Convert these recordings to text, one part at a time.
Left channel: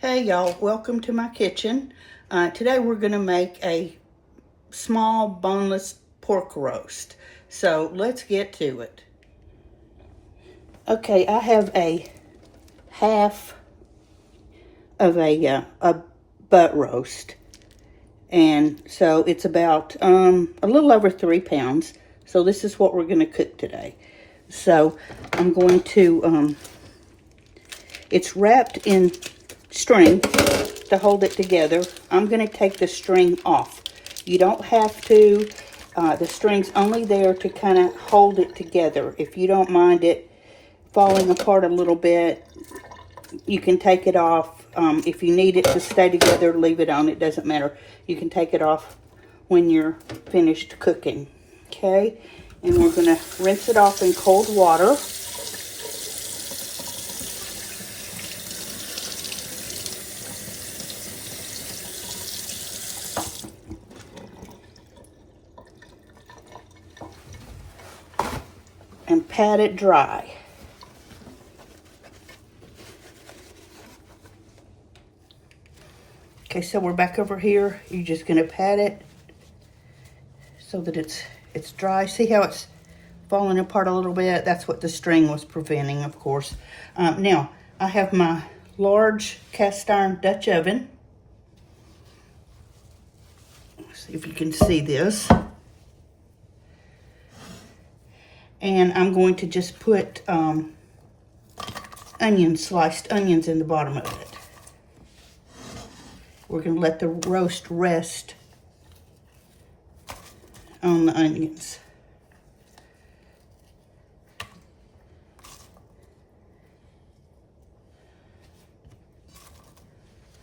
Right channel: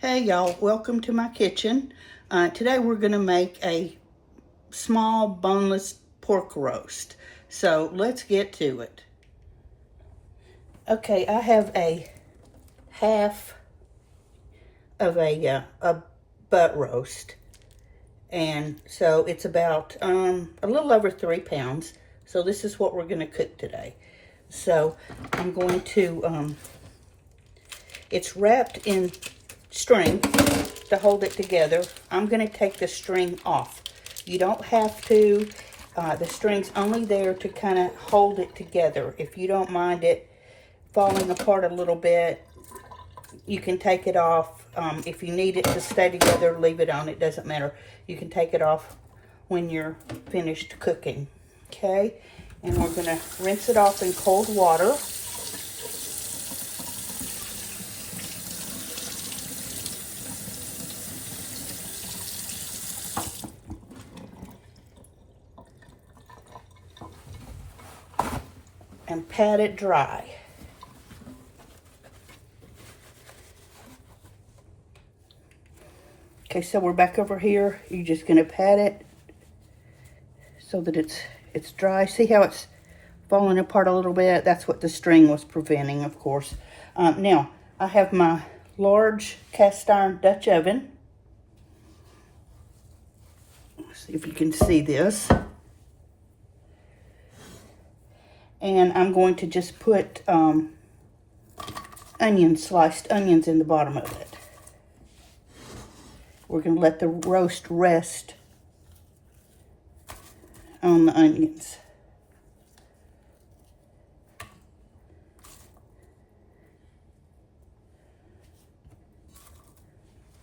Hey y'all, welcome to my kitchen. Today we're going to make a small boneless pork roast. So let's get to it. Okay, I have a half of a butt roast. And so it's about a little over 3 pounds. So this is what we're going to cook today. So I'm going to, it's wrapped in string to hold it together. I'm going to take the string off. You don't have to. The string's only there to kind of hold it together. If you don't mind it falling apart a little bit, you can take it off. If you need it to stay together, leave it on. It doesn't matter. You can take it off when you're finished cooking. Okay? And we're going to rinse it off in cold water. And pat it dry. Okay, so we're back over here. You're just gonna pat it so that it's dry. See how it's falling apart a little bit? That's what the string was preventing, of course. Now, I have my large cast iron Dutch oven. Let's see if you can see this. And I'm going to just put sliced onions in the bottom of it. We're going to let the roast rest on the onions.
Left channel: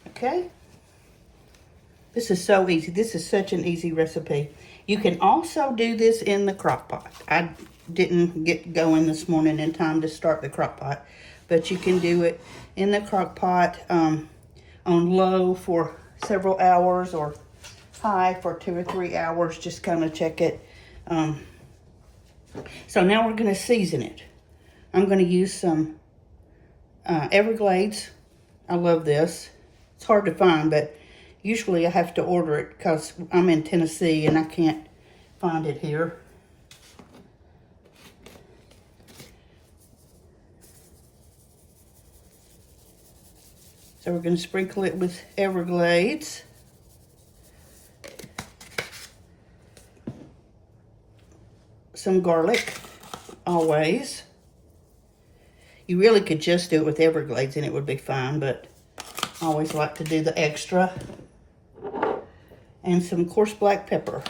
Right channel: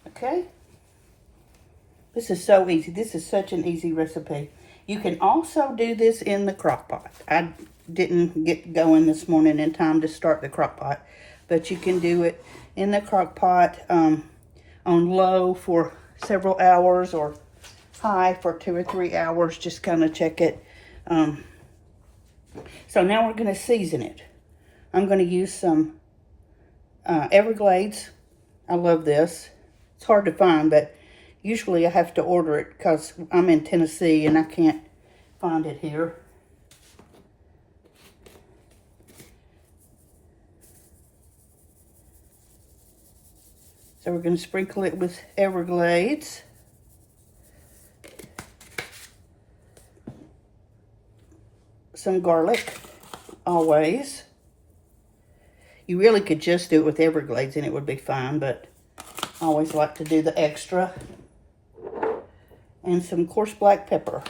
Okay? This is so easy. This is such an easy recipe. You can also do this in the crock pot. I didn't get going this morning in time to start the crock pot, but you can do it in the crock pot on low for several hours or high for 2 or 3 hours. Just kind of check it. So now we're going to season it. I'm going to use some Everglades. I love this. It's hard to find, but usually I have to order it because I'm in Tennessee and I can't find it here. So we're going to sprinkle it with Everglades. Some garlic, always. You really could just do it with Everglades and it would be fine, but I always like to do the extra. And some coarse black pepper.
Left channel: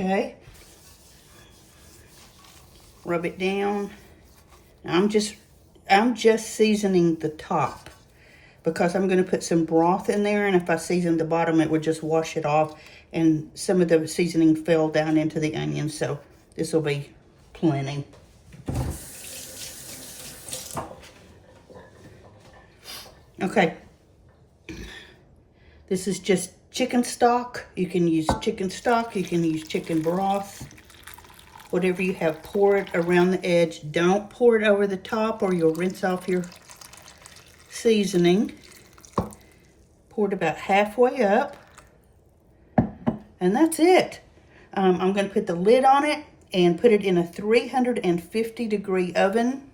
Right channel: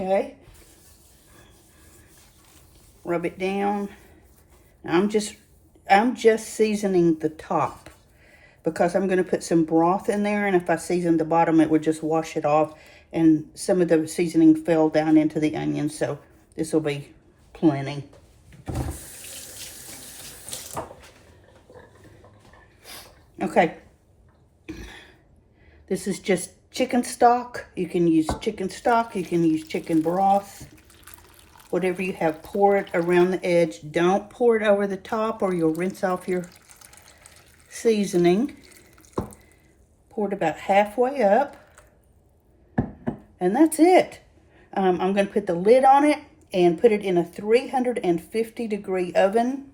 Okay. Rub it down. I'm just seasoning the top because I'm going to put some broth in there, and if I season the bottom, it would just wash it off, and some of the seasoning fell down into the onions, so this will be plenty. Okay. This is just chicken stock. You can use chicken stock. You can use chicken broth. Whatever you have, pour it around the edge. Don't pour it over the top or you'll rinse off your seasoning. Pour it about halfway up. And that's it. I'm going to put the lid on it and put it in a 350-degree oven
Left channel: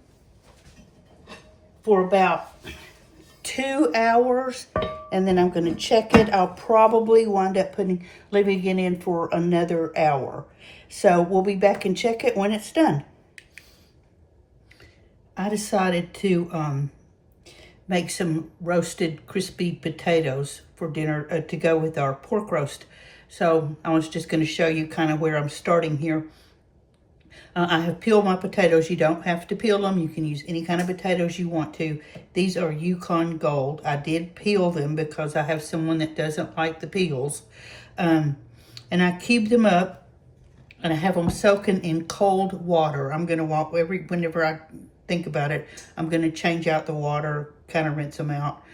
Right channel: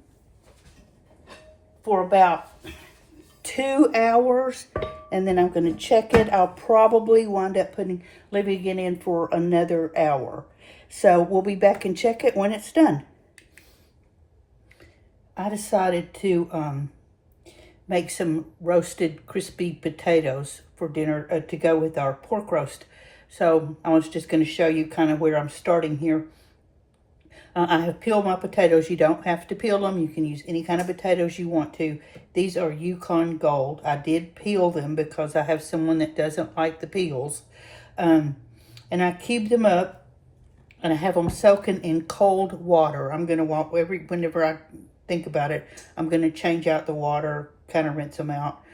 for about 2 hours. And then I'm going to check it. I'll probably wind up leaving it in for another hour. So we'll be back and check it when it's done. I decided to make some roasted crispy potatoes for dinner to go with our pork roast. So I was just going to show you kind of where I'm starting here. I have peeled my potatoes. You don't have to peel them. You can use any kind of potatoes you want to. These are Yukon Gold. I did peel them because I have someone that doesn't like the peels. And I cube them up. And I have them soaking in cold water. I'm going to, whenever I think about it, I'm going to change out the water, kind of rinse them out.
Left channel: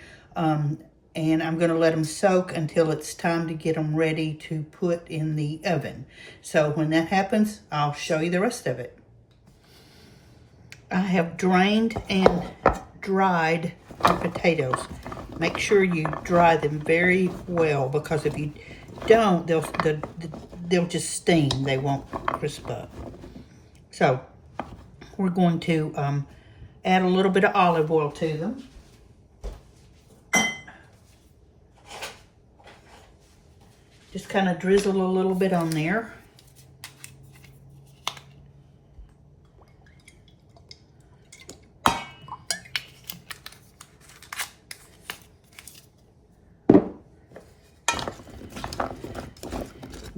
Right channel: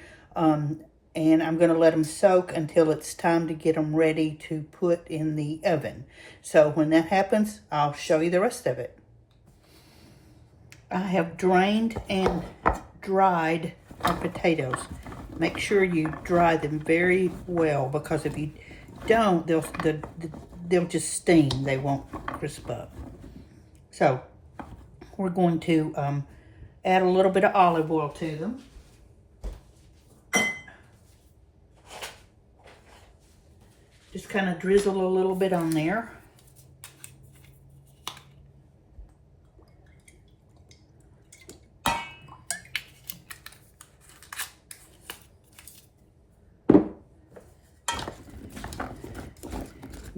And I'm going to let them soak until it's time to get them ready to put in the oven. So when that happens, I'll show you the rest of it. I have drained and dried our potatoes. Make sure you dry them very well, because if you don't, they'll just steam. They won't crisp up. So we're going to add a little bit of olive oil to them. Just kind of drizzle a little bit on there.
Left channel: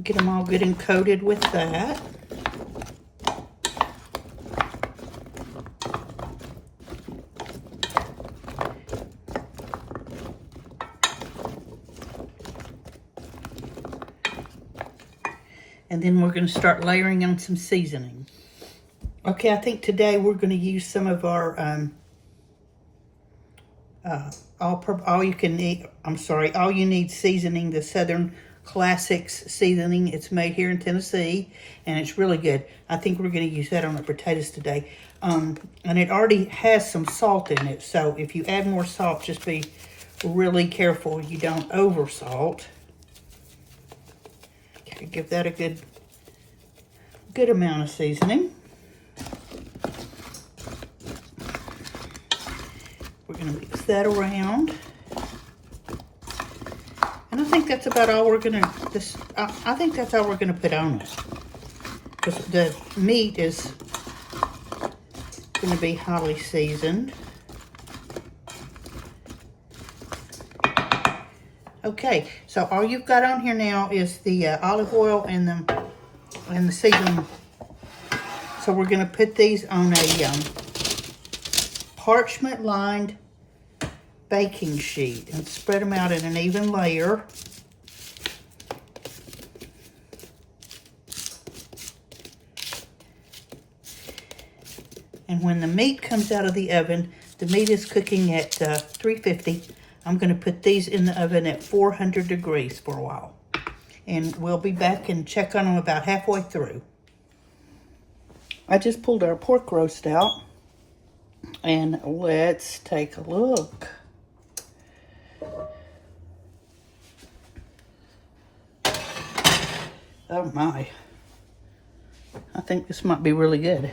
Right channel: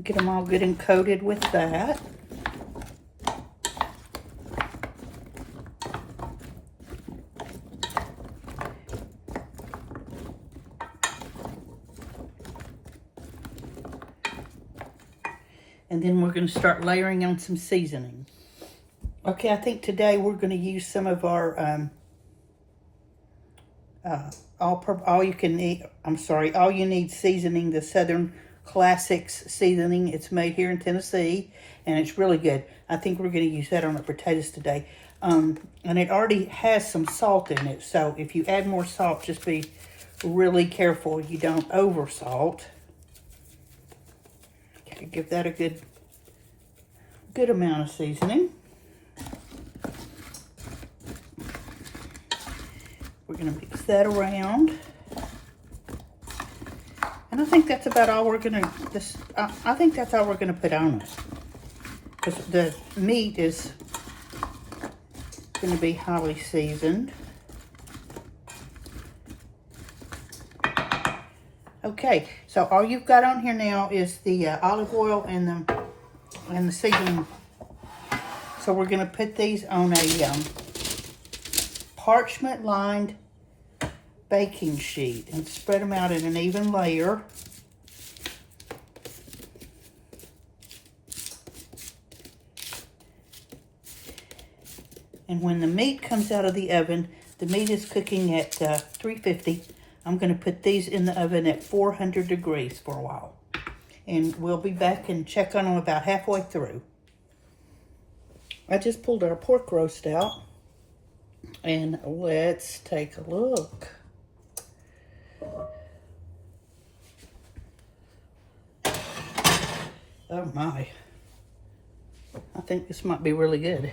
Get them all good and coated with that. And then we're going to start layering on some seasoning. Okay, I think today we're going to use some of our all you need seasoning, the Southern Classics seasoning. It's made here in Tennessee, and it's really good. I think we're going to use that on the potatoes today. And it already has some salt in it, so if you add more salt, just be really careful you don't over salt. Okay, give that a good amount of seasoning. We're going to mix that around. And I think that's about all we're going to, I think that's all we're going to put on it. Because the meat is going to be highly seasoned. Okay, so all you've got on here now is the olive oil and the seasoning. So we're going to put these on a parchment lined baking sheet and spread them out in an even layer. And when the meat comes out of the oven, the meat is cooking at 350. I'm going to put these in the oven at 400 degrees for a while. And we'll be back and check on them about halfway through. I just pulled our pork roast out. And let's take a look. Oh my. I think this might be really good.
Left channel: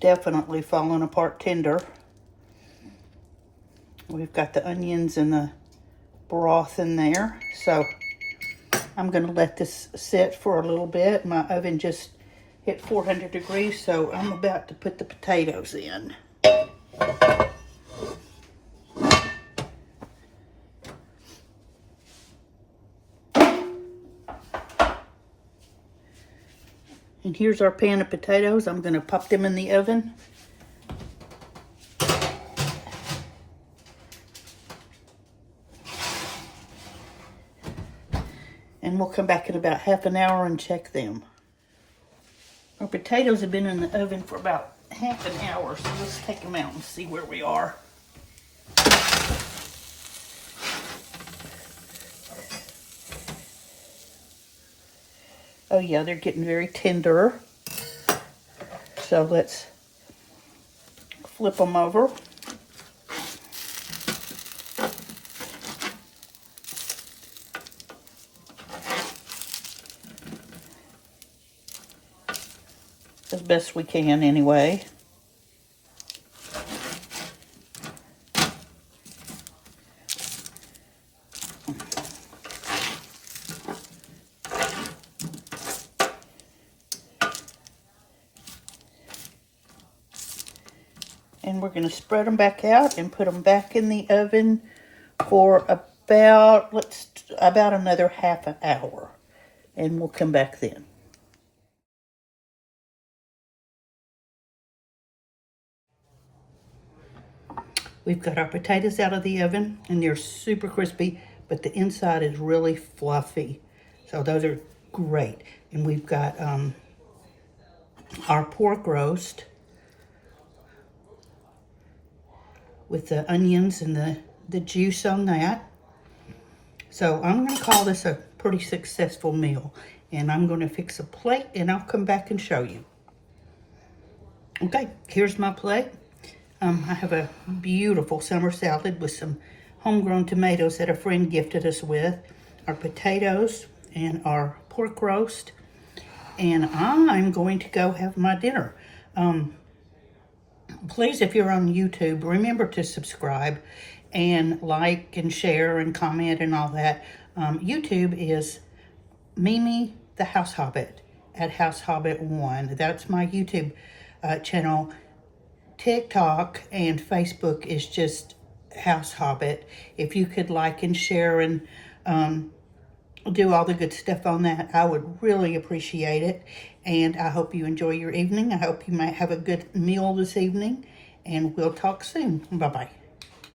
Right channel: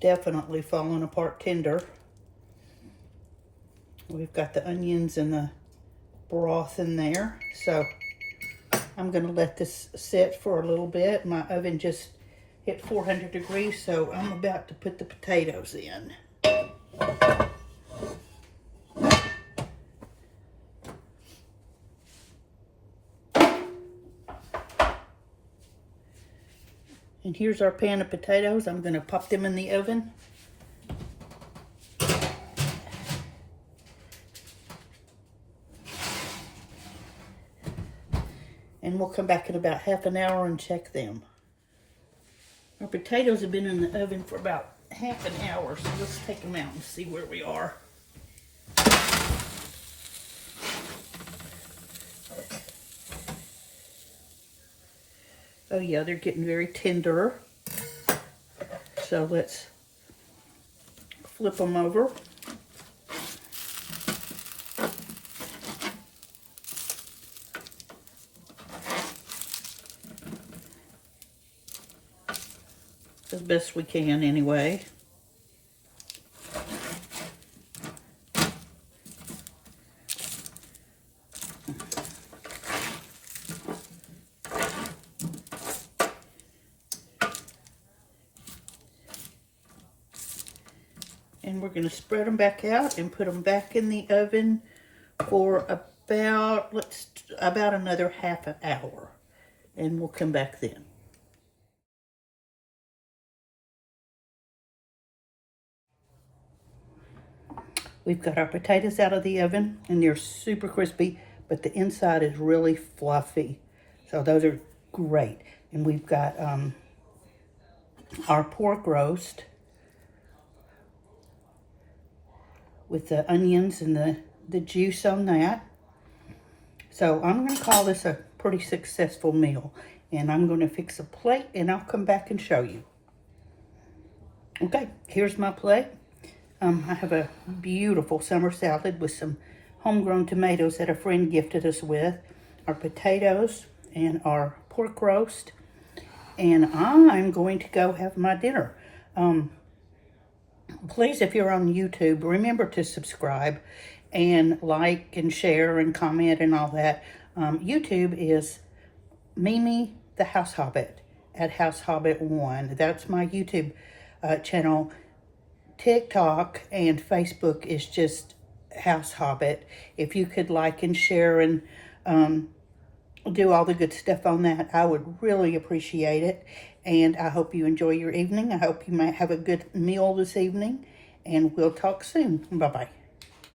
Definitely falling apart tender. We've got the onions and the broth in there. So I'm going to let this sit for a little bit. My oven just hit 400 degrees, so I'm about to put the potatoes in. And here's our pan of potatoes. I'm going to pop them in the oven. And we'll come back in about half an hour and check them. Our potatoes have been in the oven for about half an hour, so let's take them out and see where we are. Oh yeah, they're getting very tender. So let's flip them over. As best we can anyway. And we're going to spread them back out and put them back in the oven for about another half an hour. And we'll come back then. We've got our potatoes out of the oven, and they're super crispy, but the inside is really fluffy. So those are great. And we've got our pork roast. with the onions and the juice on that. So I'm going to call this a pretty successful meal. And I'm going to fix a plate and I'll come back and show you. Okay, here's my plate. I have a beautiful summer salad with some homegrown tomatoes that a friend gifted us with, our potatoes and our pork roast. And I'm going to go have my dinner. Please, if you're on YouTube, remember to subscribe and like and share and comment and all that. YouTube is Mimi the House Hobbit at House Hobbit 1. That's my YouTube channel. TikTok and Facebook is just House Hobbit. If you could like and share and do all the good stuff on that, I would really appreciate it. And I hope you enjoy your evening. I hope you might have a good meal this evening. And we'll talk soon. Bye-bye.